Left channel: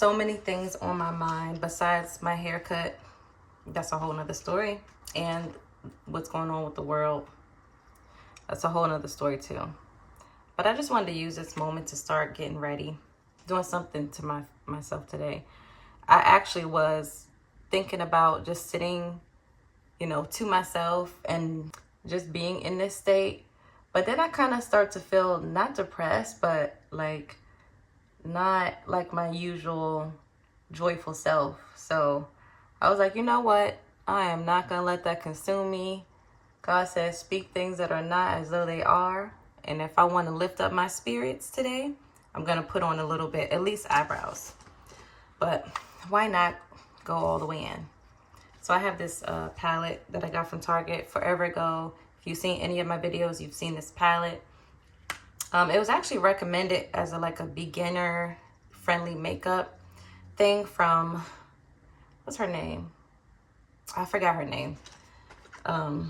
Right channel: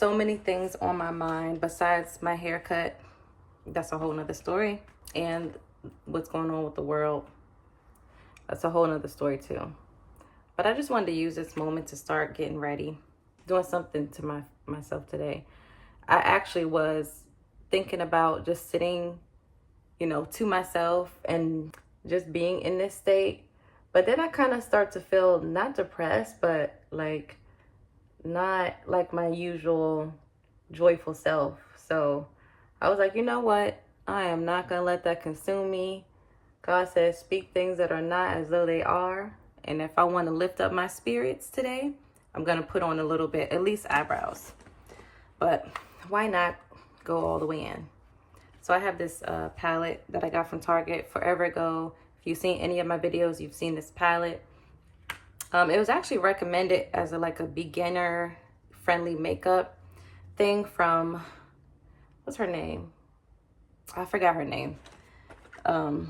so many things on my mind besides my haircut. That's a whole nother story. And what's going on with the world. That's a whole nother story too. But I just wanted to use this moment to start getting ready, doing something to myself today. I actually was thinking about just sitting, to myself and just being in this state. But then I kind of start to feel not depressed, but like not like my usual joyful self. So I was like, you know what? I am not going to let that consume me. God says, speak things that are not as though they are. And if I want to lift up my spirits today, I'm going to put on a little bit, at least eyebrows. But why not go all the way in? So I have this palette that I got from Target forever ago. If you've seen any of my videos, you've seen this palette. It was actually recommended as a beginner friendly makeup thing from, what's her name? I forgot her name. But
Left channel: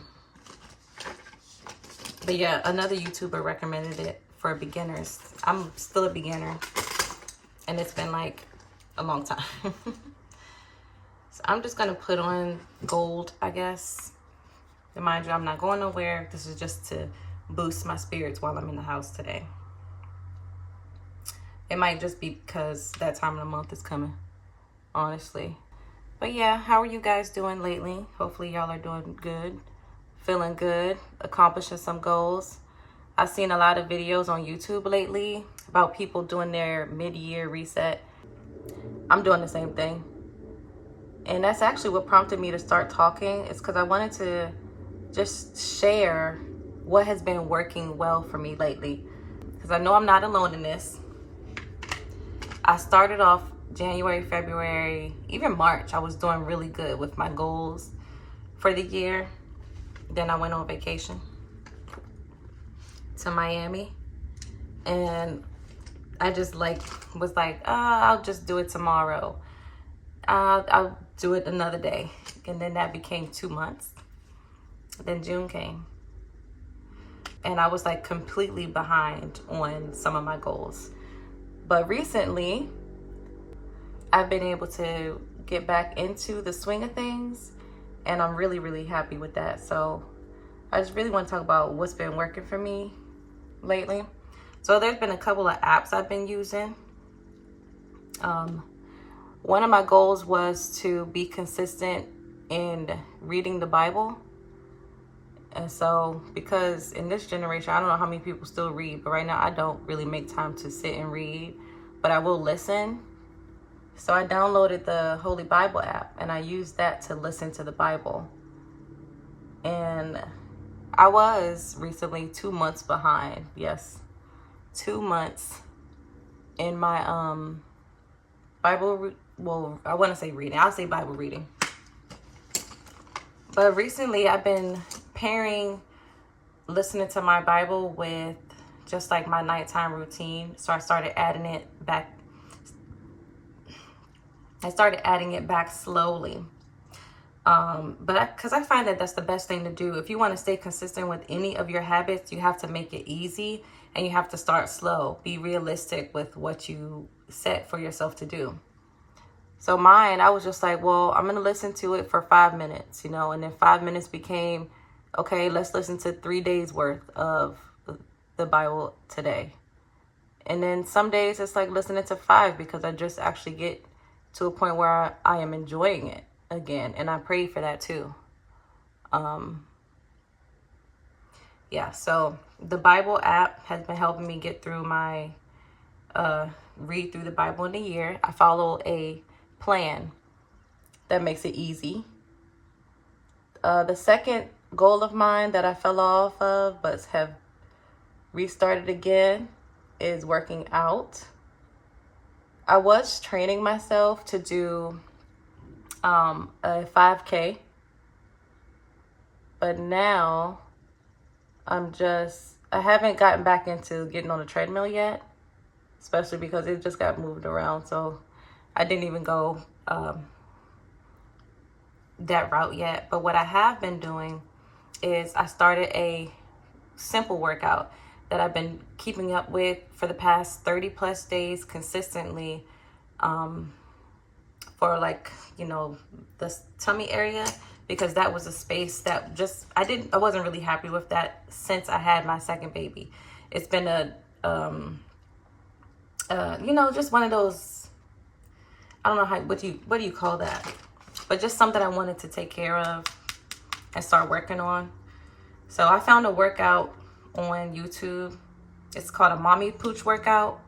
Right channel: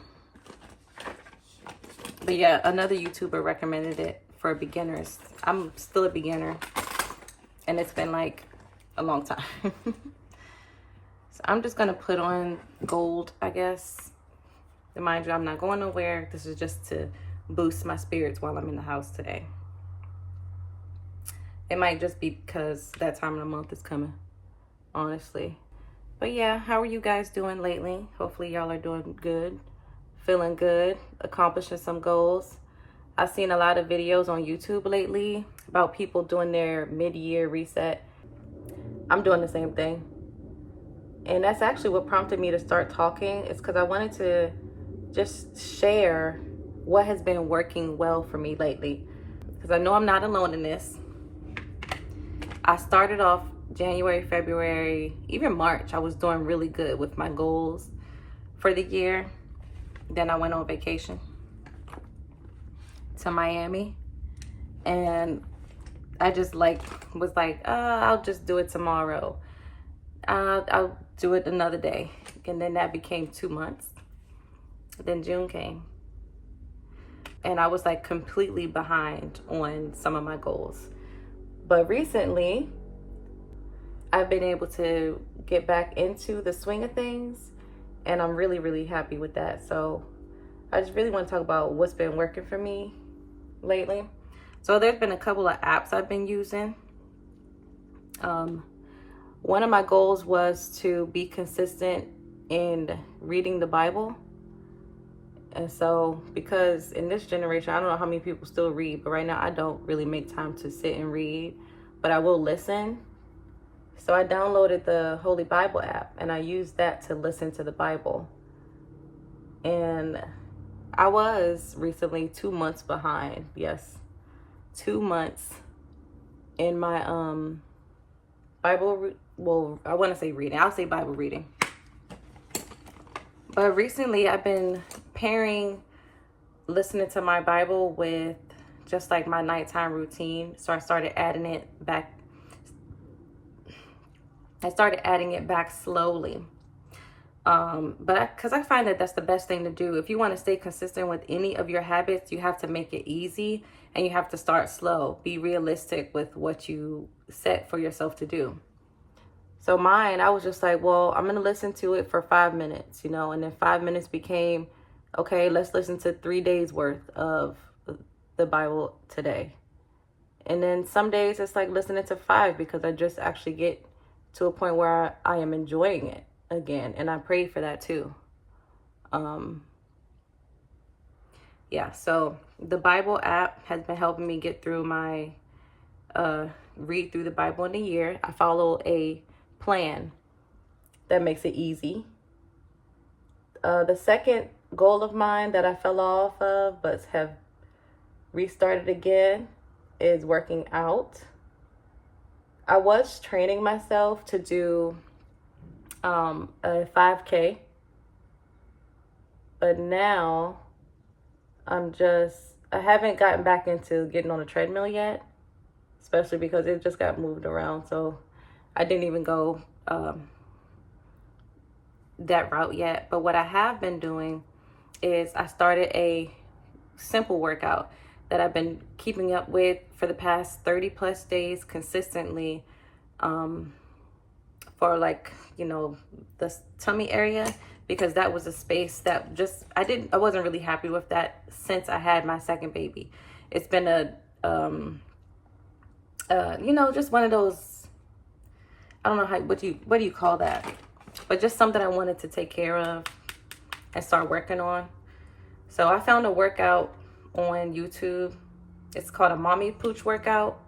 yeah, another YouTuber recommended it for beginners. I'm still a beginner and it's been like a long time. So I'm just gonna put on gold, I guess. And mind you, I'm not going nowhere. This is just to boost my spirits while I'm in the house today. It might just be because that time of the month is coming, honestly. But yeah, how are you guys doing lately? Hopefully y'all are doing good, feeling good, accomplishing some goals. I've seen a lot of videos on YouTube lately about people doing their mid-year reset. I'm doing the same thing. And that's actually what prompted me to start talking. It's because I wanted to just share what has been working well for me lately. Because I know I'm not alone in this. I started off January, February, even March. I was doing really good with my goals for the year. Then I went on vacation to Miami. And I just was like, I'll just do it tomorrow. I'll do it another day. And then that became 2 months. Then June came. And I was completely behind on some of my goals. But recently, I've been able to get back into the swing of things. And I'm really, really happy with that. So I just really want to talk about what's been working for me lately. So there's been a couple of apps I've been using. One of my goals was to be consistent in reading the Bible. And so, because in this generation, I don't know how many people still read, but right now I don't really make time to sit and read, but I will listen. So I downloaded the Holy Bible app and I used that to listen to the Bible. And I was recently 2 months behind. Yes, 2 months in my Bible. Well, I want to say reading. I'll say Bible reading. But recently I've been pairing listening to my Bible with just my nighttime routine. So I started adding it back. Slowly. But because I find that that's the best thing to do. If you want to stay consistent with any of your habits, you have to make it easy and you have to start slow. Be realistic with what you set for yourself to do. So mine, I was just like, well, I'm going to listen to it for 5 minutes, and then 5 minutes became, okay, let's listen to 3 days worth of the Bible today. And then some days it's listening to 5 because I just actually get to a point where I am enjoying it again. And I pray for that too. Yeah, so the Bible app has been helping me get through my read through the Bible in a year. I follow a plan that makes it easy. The second goal of mine that I fell off of but have restarted again is working out. I was training myself to do a 5K, but now I haven't gotten back into getting on a treadmill yet, especially because it just got moved around. So I didn't even go that route yet. But what I have been doing is I started a simple workout that I've been keeping up with for the past 30 plus days consistently for like, you know, the tummy area, because that was a space that just, I wasn't really happy with that since I had my second baby. It's been a, you know, just one of those, I don't know how, what do you call that? But just something I wanted to take care of and start working on. So I found a workout on YouTube. It's called a mommy pooch workout.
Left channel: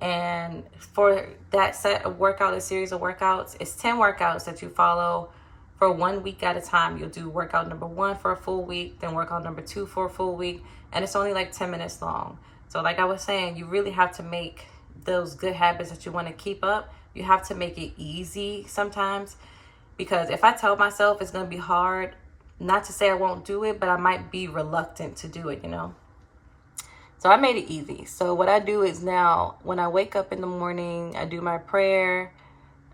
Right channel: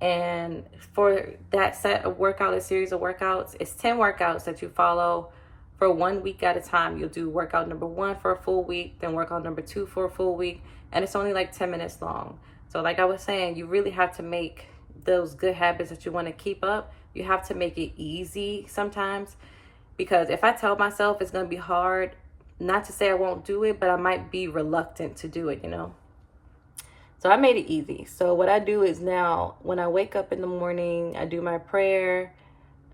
And for that set of workout, a series of workouts, it's 10 workouts that you follow for 1 week at a time. You'll do workout number 1 for a full week, then workout number 2 for a full week. And it's only like 10 minutes long. So like I was saying, you really have to make those good habits that you want to keep up. You have to make it easy sometimes. Because if I tell myself it's going to be hard, not to say I won't do it, but I might be reluctant to do it, you know. So I made it easy. So what I do is now, when I wake up in the morning, I do my prayer.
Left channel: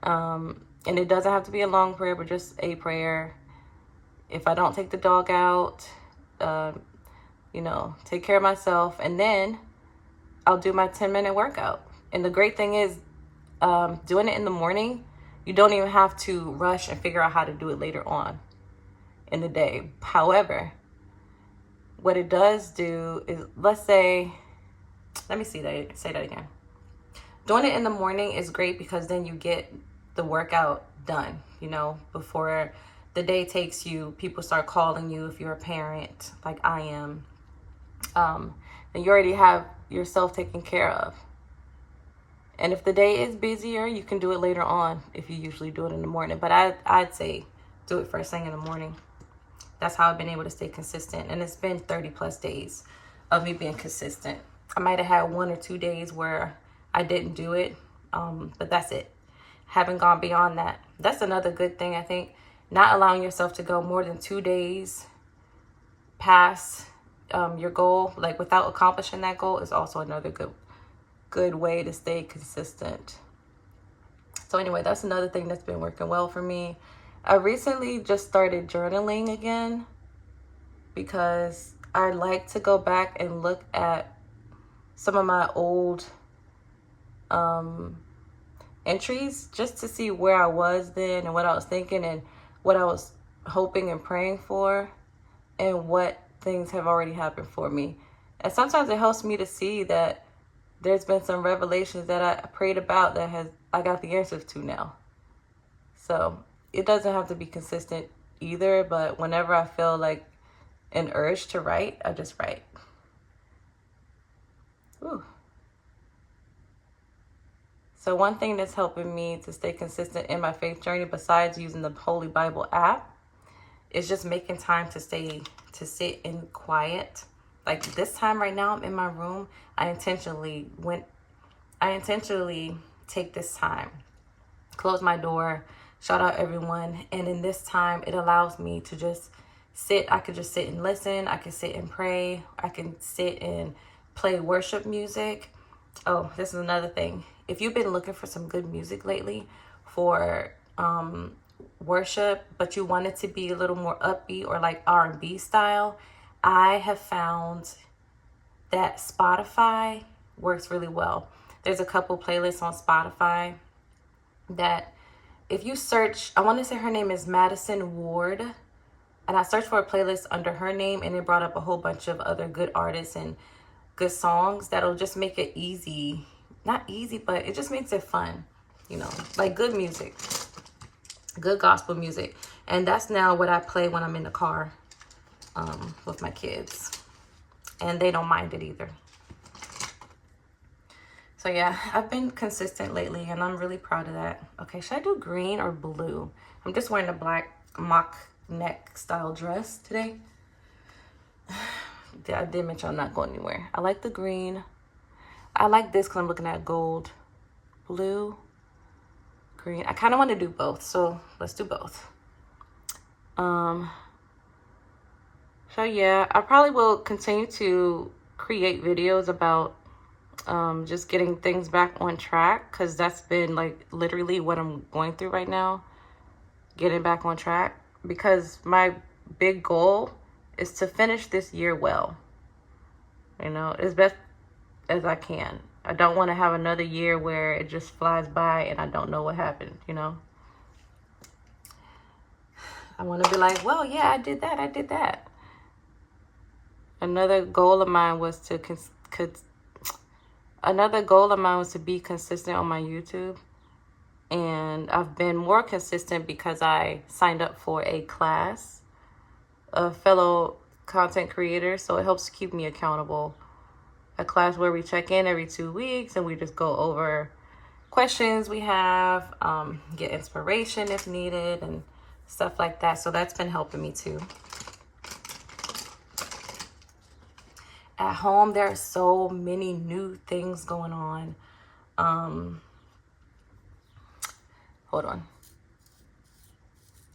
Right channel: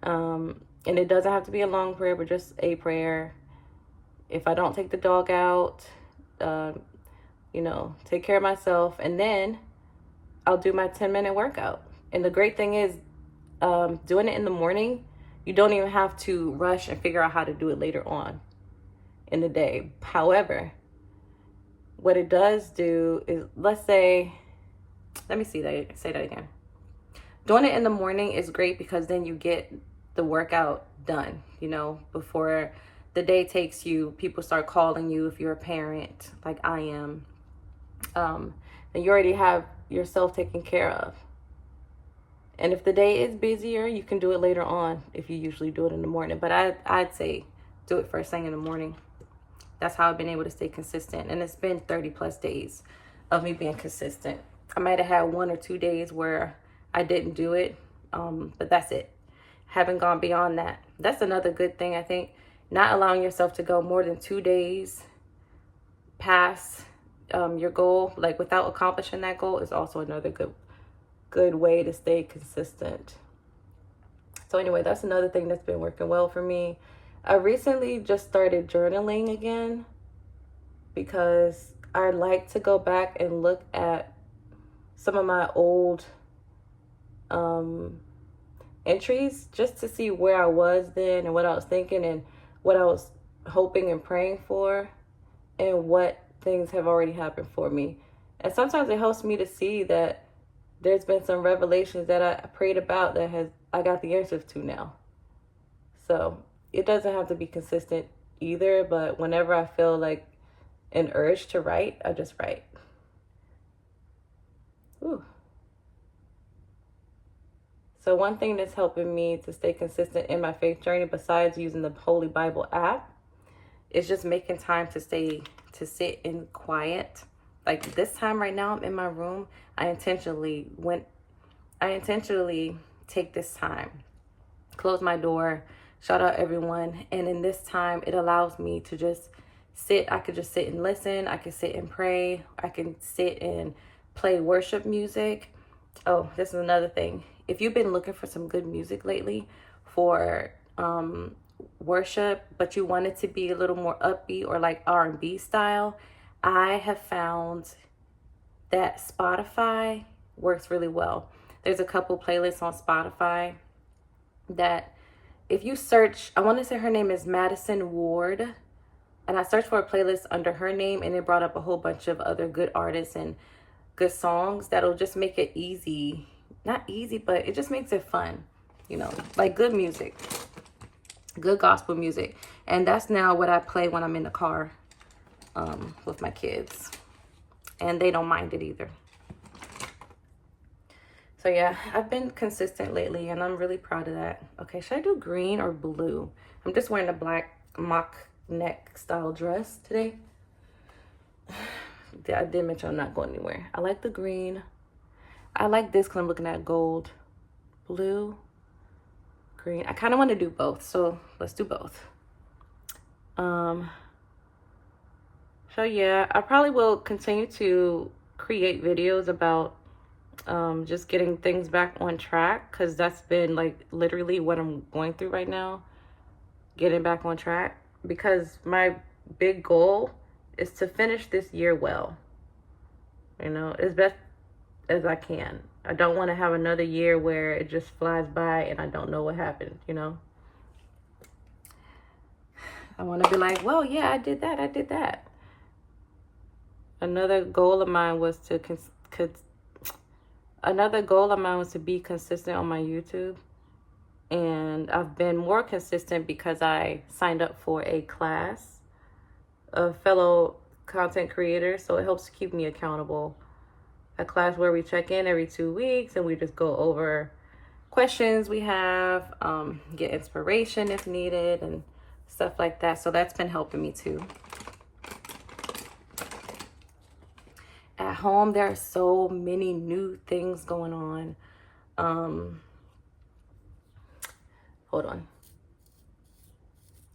And it doesn't have to be a long prayer, but just a prayer. If I don't take the dog out, you know, take care of myself. And then I'll do my 10-minute workout. And the great thing is, doing it in the morning, you don't even have to rush and figure out how to do it later on in the day. However, what it does do is, let's say, let me say that again. Doing it in the morning is great because then you get the workout done, you know, before the day takes you. People start calling you if you're a parent, like I am. Then you already have yourself taken care of. And if the day is busier, you can do it later on if you usually do it in the morning. But I'd say do it first thing in the morning. That's how I've been able to stay consistent. And it's been 30 plus days of me being consistent. I might have had 1 or 2 days where I didn't do it, but that's it. Haven't gone beyond that. That's another good thing, I think. Not allowing yourself to go more than 2 days past your goal, like without accomplishing that goal, is also another good way to stay consistent. So anyway, that's another thing that's been working well for me. I recently just started journaling again because I like to go back and look at some of my old entries just to see where I was then and what I was thinking and what I was hoping and praying for and what things have already happened for me. And sometimes it helps me to see that there's been some revelations that I prayed about that I got the answers to now. So it doesn't have to be consistent either, but whenever I feel like an urge to write, I just write. Ooh. So one thing that's helping me to stay consistent in my faith journey, besides using the Holy Bible app, is just making time to sit in quiet. Like this time right now, I'm in my room. I intentionally take this time, close my door, shout out everyone. And in this time, it allows me to just sit. I could just sit and listen. I can sit and pray. I can sit and play worship music. Oh, this is another thing. If you've been looking for some good music lately for worship, but you want it to be a little more upbeat or like R&B style, I have found that Spotify works really well. There's a couple playlists on Spotify that if you search, I want to say her name is Madison Ward, and I searched for a playlist under her name and it brought up a whole bunch of other good artists and good songs that'll just make it easy. Not easy, but it just makes it fun, you know, like good music, good gospel music. And that's now what I play when I'm in the car with my kids, and they don't mind it either. So yeah, I've been consistent lately and I'm really proud of that. Okay, should I do green or blue? I'm just wearing a black mock neck style dress today. I did mention I'm not going anywhere. I like the green. I like this because I'm looking at gold. Blue, green. I kind of want to do both, so let's do both. So yeah, I probably will continue to create videos about just getting things back on track, because that's been like literally what I'm going through right now, getting back on track, because my big goal is to finish this year well, you know, as best as I can. I don't want to have another year where it just flies by and I don't know what happened, you know? I want to be like, well, yeah, I did that. Another goal of mine was to be consistent on my YouTube. And I've been more consistent because I signed up for a class of fellow content creators. So it helps keep me accountable. A class where we check in every 2 weeks and we just go over questions we have, get inspiration if needed and stuff like that. So that's been helping me too. At home, there are so many new things going on. Hold on.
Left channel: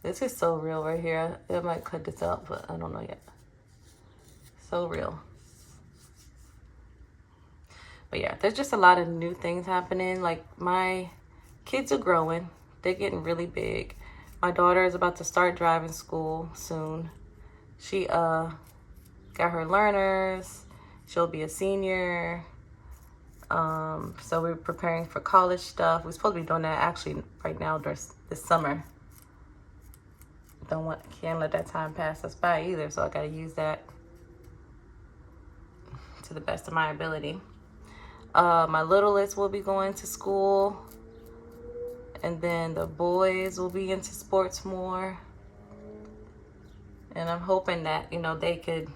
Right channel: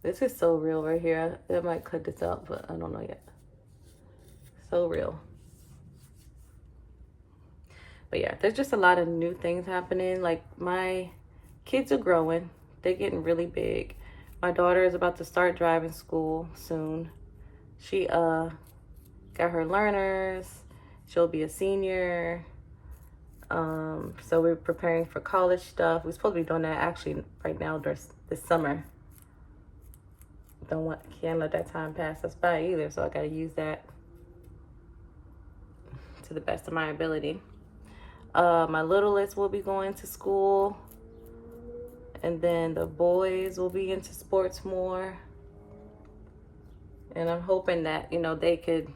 This is so real right here. I might cut this out, but I don't know yet. So real. But yeah, there's just a lot of new things happening. Like, my kids are growing. They're getting really big. My daughter is about to start driving school soon. She got her learners. She'll be a senior. So we're preparing for college stuff. We're supposed to be doing that actually right now this summer. Can't let that time pass us by either. So I got to use that to the best of my ability. My littlest will be going to school. And then the boys will be into sports more. And I'm hoping that, you know, they could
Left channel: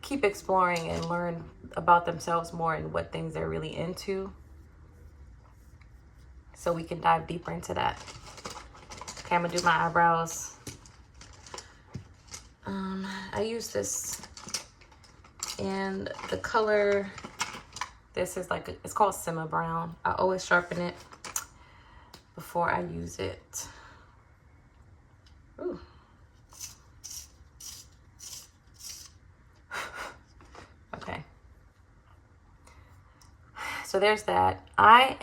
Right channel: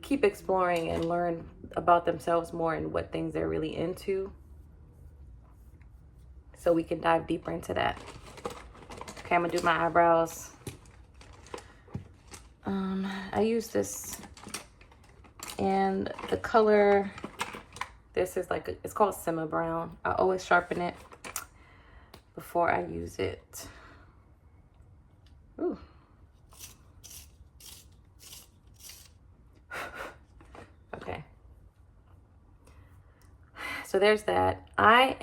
keep exploring and learn about themselves more and what things they're really into. So we can dive deeper into that. Okay, I'm gonna do my eyebrows. I use this, and the color, this is like, it's called Simma Brown. I always sharpen it before I use it. Ooh. Okay. So there's that. I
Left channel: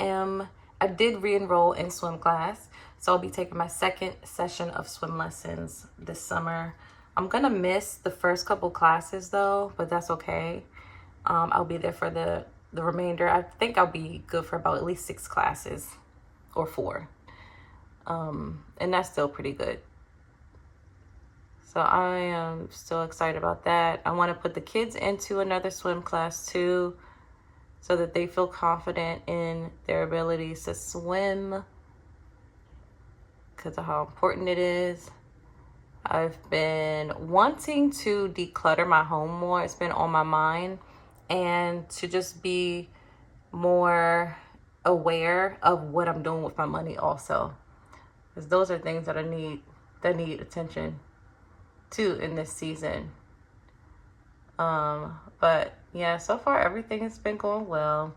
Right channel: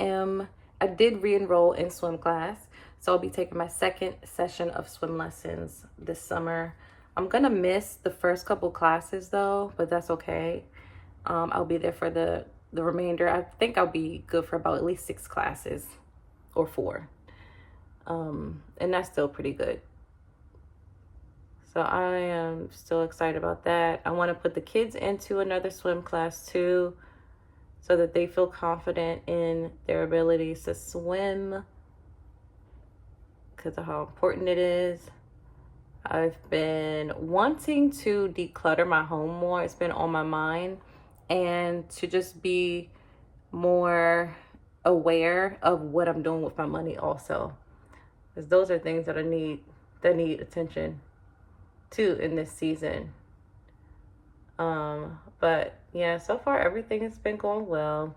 did re-enroll in swim class. So I'll be taking my second session of swim lessons this summer. I'm gonna miss the first couple classes though, but that's okay. I'll be there for the remainder. I think I'll be good for about at least 6 classes or 4. And that's still pretty good. So I am still excited about that. I want to put the kids into another swim class too, so that they feel confident in their abilities to swim because of how important it is. I've been wanting to declutter my home more. It's been on my mind, and to just be more aware of what I'm doing with my money also, because those are things that need attention too in this season. But yeah, so far everything's been going well.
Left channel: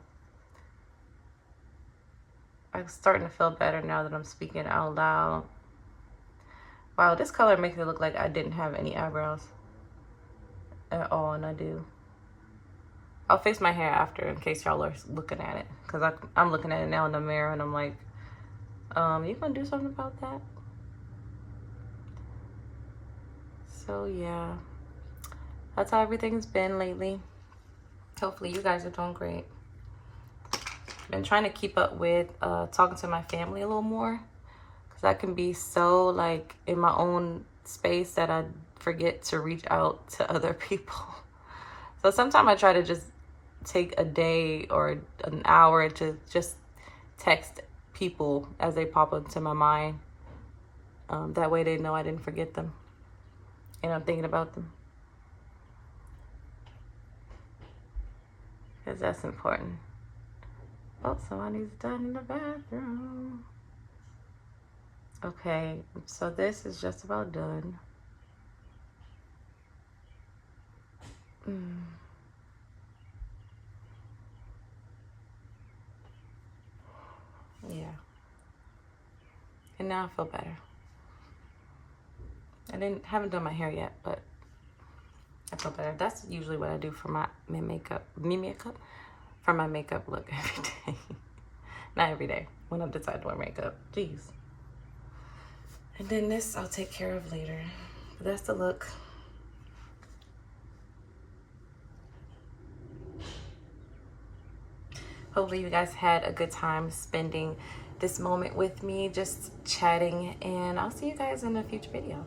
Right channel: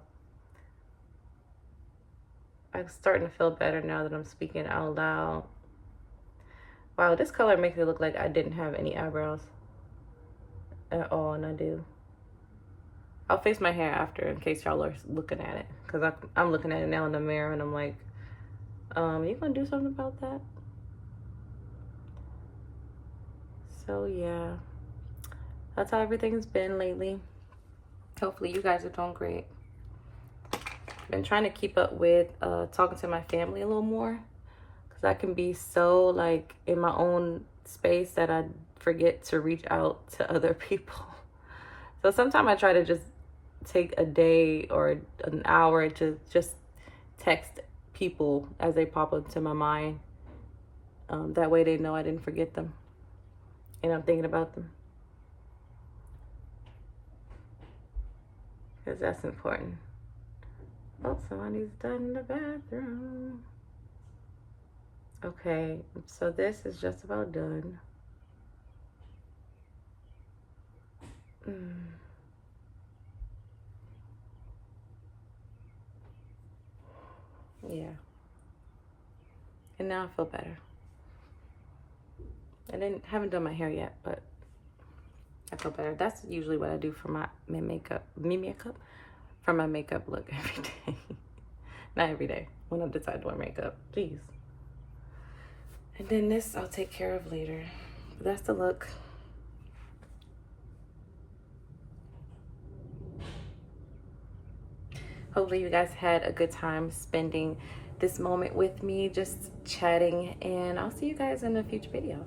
I'm starting to feel better now that I'm speaking out loud. Wow, this color makes it look like I didn't have any eyebrows at all, and I do. I'll fix my hair after in case y'all are looking at it, because I'm looking at it now in the mirror and I'm like, you gonna do something about that? So yeah, that's how everything's been lately. Hopefully you guys are doing great. Been trying to keep up with talking to my family a little more, because I can be so like in my own space that I forget to reach out to other people. So sometimes I try to just take a day or an hour to just text people as they pop up to my mind. That way they know I didn't forget them and I'm thinking about them, because that's important. Oh, somebody's done in the bathroom. Okay, so this is just about done. Yeah. And now I feel better. I haven't done my hair yet, but I feel better. That's usually what I do for my makeup for my makeup look every day. Not every day, when I decide to wear makeup. Jeez. And then this I'll take care of later. But that's the look. Hopefully you guys had a good time spending this moment with me, just chatting, and I'll see you guys in a future video.